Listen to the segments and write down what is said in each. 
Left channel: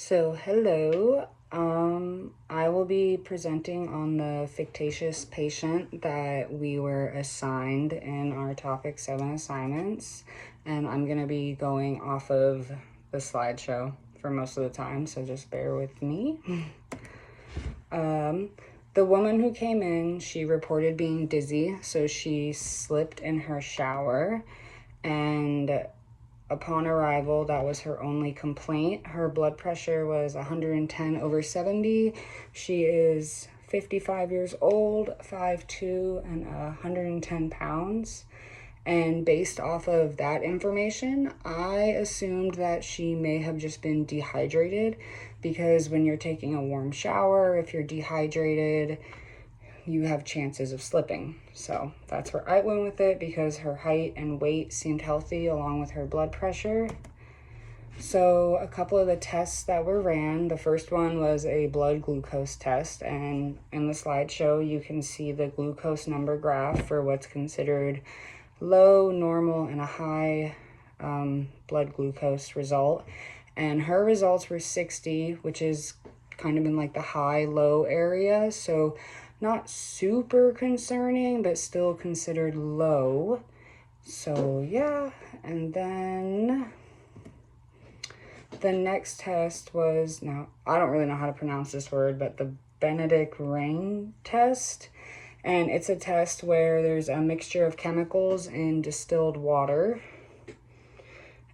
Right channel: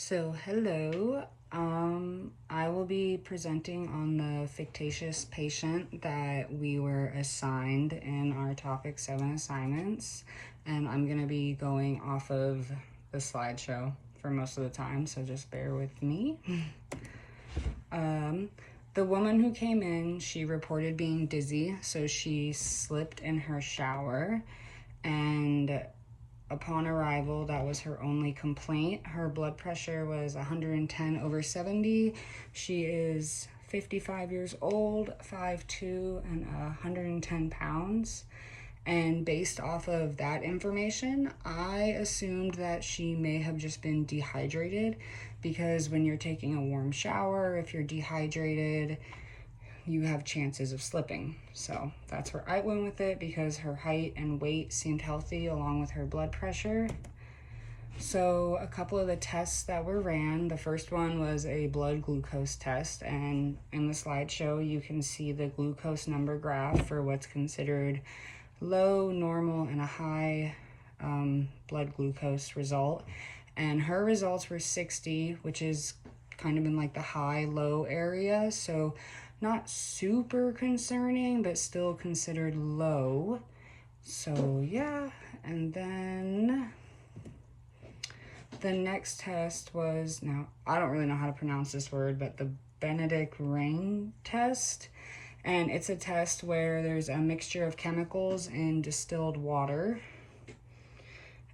So hello, I will be presenting on the fictitious patient that we were assigned in our topic 7 assignments, and I'm going to be going off of the slideshow for most of the time, so just bear with me. The woman who came in, she reported being dizzy, so she slipped in her shower, and upon arrival, that was her only complaint. Her blood pressure was 110/70. She is 55 years old, 5'2", and 110 pounds. And based off of that information, I assumed that she may have just been dehydrated, because when you're taking a warm shower, if you're dehydrated, you have chances of slipping. So that's where I went with it, because her height and weight seemed healthy along with her blood pressure. So a couple of the tests that were ran, the first one was a blood glucose test, and in the slideshow you can see the glucose number graph for what's considered low, normal, and a high blood glucose result. And her results were 60, which is kind of in like the high-low area, so not super concerning, but still considered low. So yeah, and then the next test was, now I don't really know how to pronounce this word, but the Benedict Ring test. And it's a test where there's a mixture of chemicals in distilled water,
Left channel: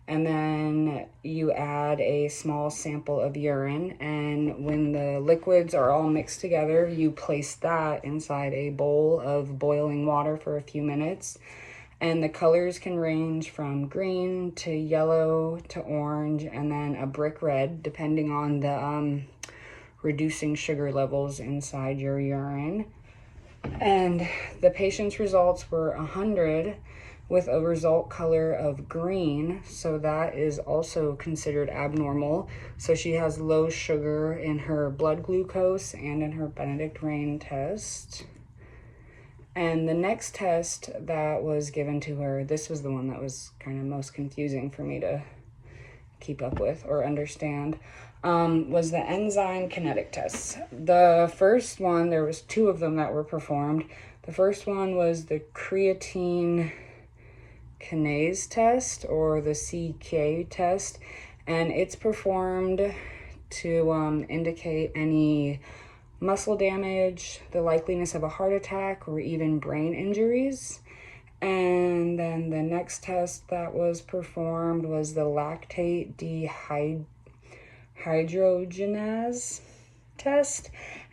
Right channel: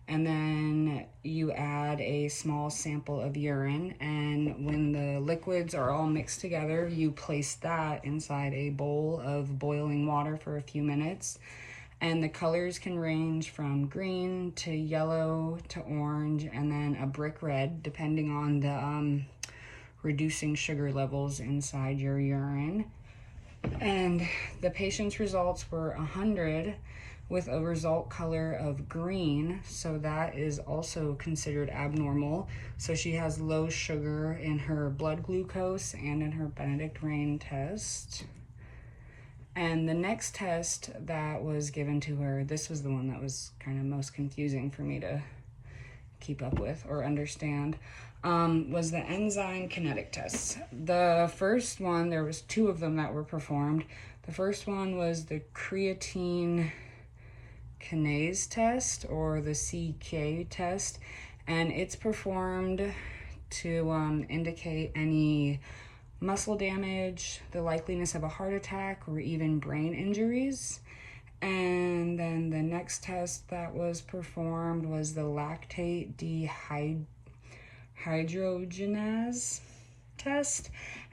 and then you add a small sample of urine, and when the liquids are all mixed together, you place that inside a bowl of boiling water for a few minutes. And the colors can range from green to yellow to orange, and then a brick red, depending on the reducing sugar levels inside your urine. And the patient's results were 100 with a result color of green, so that is also considered abnormal. So she has low sugar in her blood glucose and in her Benedict Ring test. And the next test that was given to her, this was the one that was kind of most confusing for me to keep up with or understand, was the enzyme kinetic tests. The first one, there was 2 of them that were performed. The first one was the creatine kinase test, or the CK test, and it's performed to indicate any muscle damage, the likeliness of a heart attack, or even brain injuries. And then the next test that was performed was the lactate dehydrogenase test,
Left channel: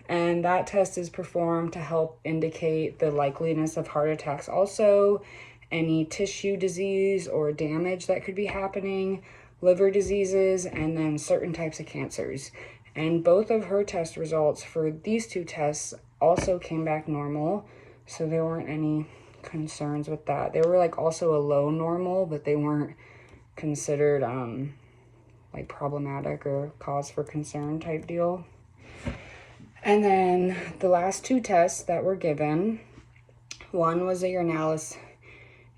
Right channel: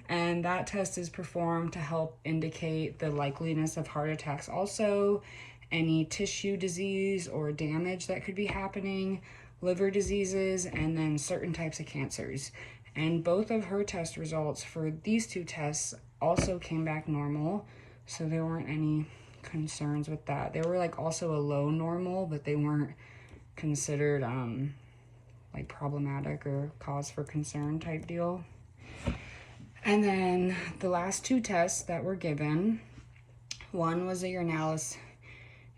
and that test is performed to help indicate the likeliness of heart attacks, also any tissue disease or damage that could be happening, liver diseases, and then certain types of cancers. And both of her test results for these 2 tests also came back normal, so there weren't any concerns with that. They were like also a low normal, but they weren't considered like problematic or cause for concern type deal. And then the last 2 tests that were given, one was a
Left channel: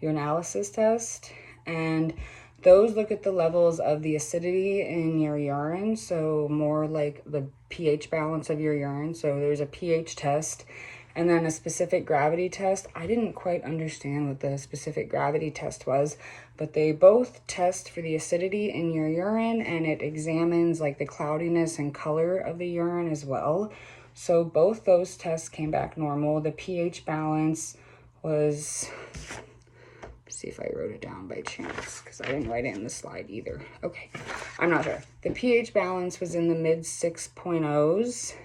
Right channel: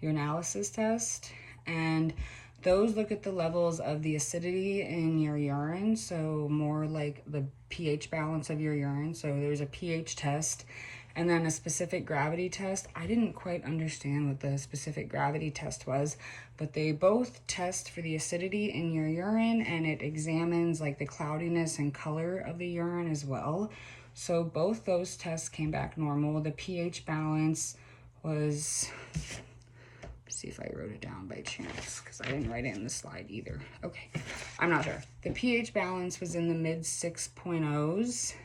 urinalysis test, and those look at the levels of the acidity in your urine, so more like the pH balance of your urine. So there's a pH test, and then a specific gravity test. I didn't quite understand what the specific gravity test was, but they both test for the acidity in your urine, and it examines like the cloudiness and color of the urine as well. So both those tests came back normal. The pH balance was, see if I wrote it down by chance, because I didn't write it in the slide either. Okay, I'm not sure. The pH balance was in the mid 6.0s,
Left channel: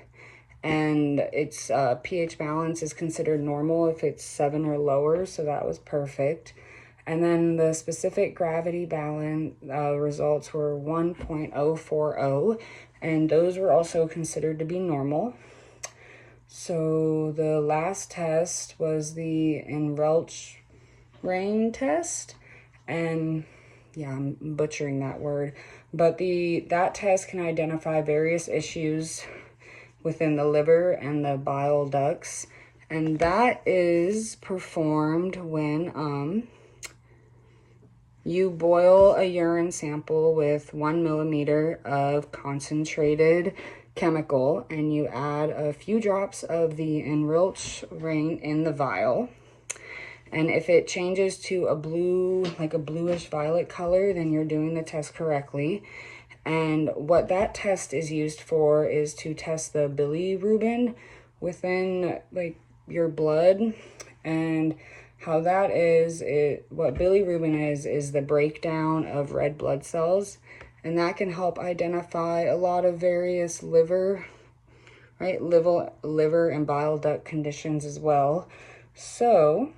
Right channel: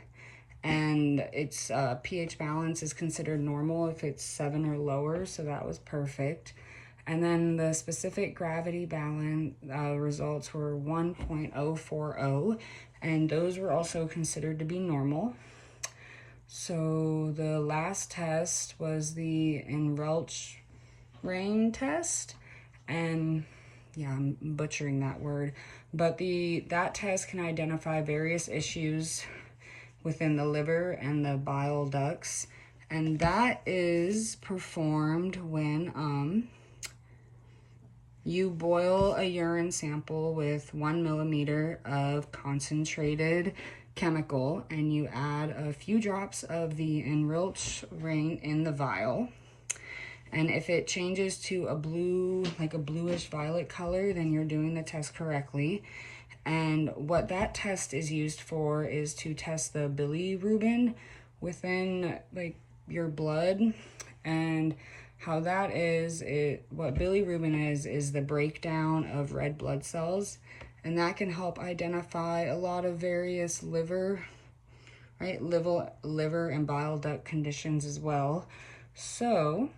and its pH balance is considered normal if it's 7 or lower, so that was perfect. And then the specific gravity balance results were 1.040, and those were also considered to be normal. So the last test was the Enrelch Ring test, and yeah, I'm butchering that word, but that test can identify various issues within the liver and the bile ducts, and that is performed when You boil a urine sample with 1 millimeter of concentrated chemical, and you add a few drops of the enriched ring in the vial. And if it changes to a blue, like a bluish violet color, then you're doing the test correctly. And what that test is used for is to test the bilirubin within like your blood. And how that is, what bilirubin is the breakdown of red blood cells, and that can help identify a lot of various liver and bile duct conditions as well. So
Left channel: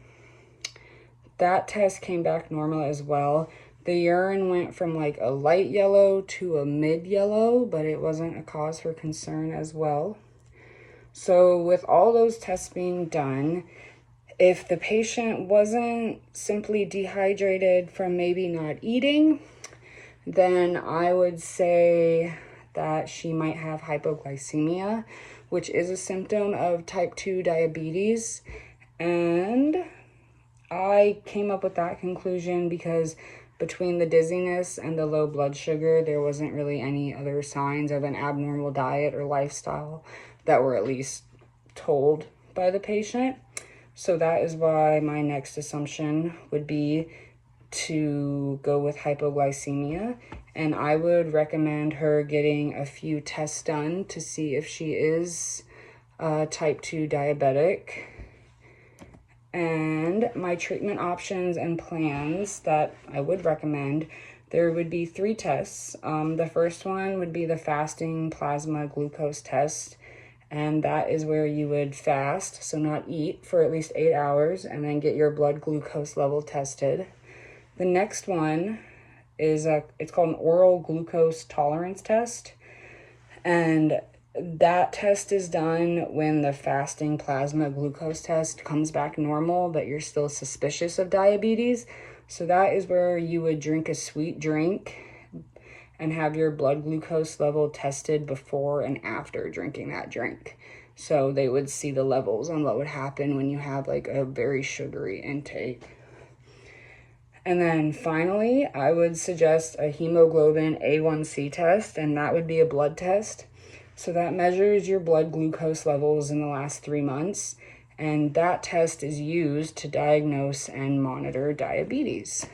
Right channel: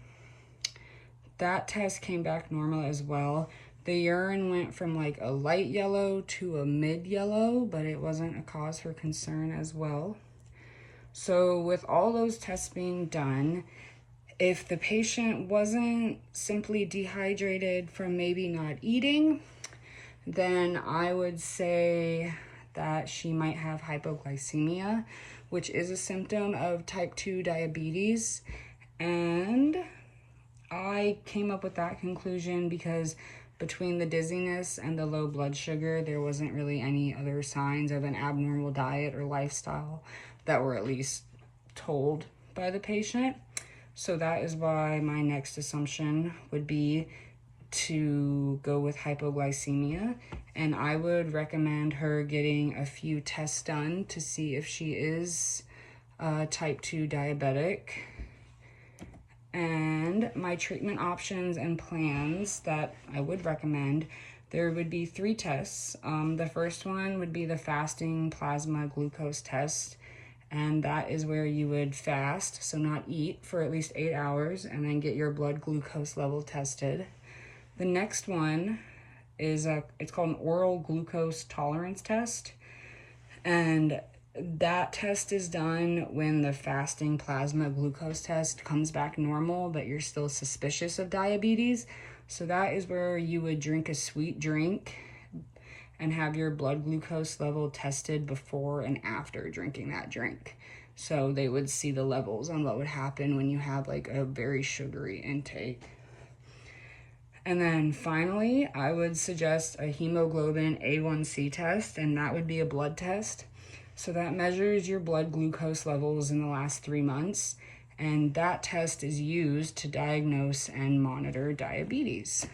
that test came back normal as well. The urine went from like a light yellow to a mid yellow, but it wasn't a cause for concern as well. So with all those tests being done, if the patient wasn't simply dehydrated from maybe not eating, then I would say that she might have hypoglycemia, which is a symptom of type 2 diabetes. And I came up with that conclusion because between the dizziness and the low blood sugar, there wasn't really any other signs of an abnormal diet or lifestyle that were at least told by the patient. So that is why my next assumption would be to go with hypoglycemia. And I would recommend her getting a few tests done to see if she is type 2 diabetic. And my treatment options and plans that I would recommend, there would be 3 tests. The first one would be the fasting plasma glucose test. And that is where you would fast, so not eat, for at least 8 hours, and then get your blood glucose level tested. The next one is it's called an oral glucose tolerance test. And that test is done when the fasting plasma glucose test comes back normal, but you're still suspicious of diabetes. So that is where you would drink a sweet drink and have your blood glucose level tested before and after drinking that drink. So they would see the levels on what would happen when you have like a very sugary intake. And then finally, I would suggest a hemoglobin A1C test, and that would be a blood test. So that measures your blood glucose levels in the last 3 months, and that test is used to diagnose and monitor diabetes.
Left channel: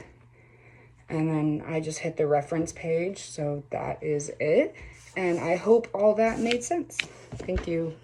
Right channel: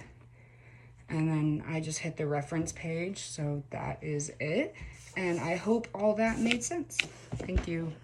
And then I just hit the reference page, so that is it. And I hope all that made sense. Thank you.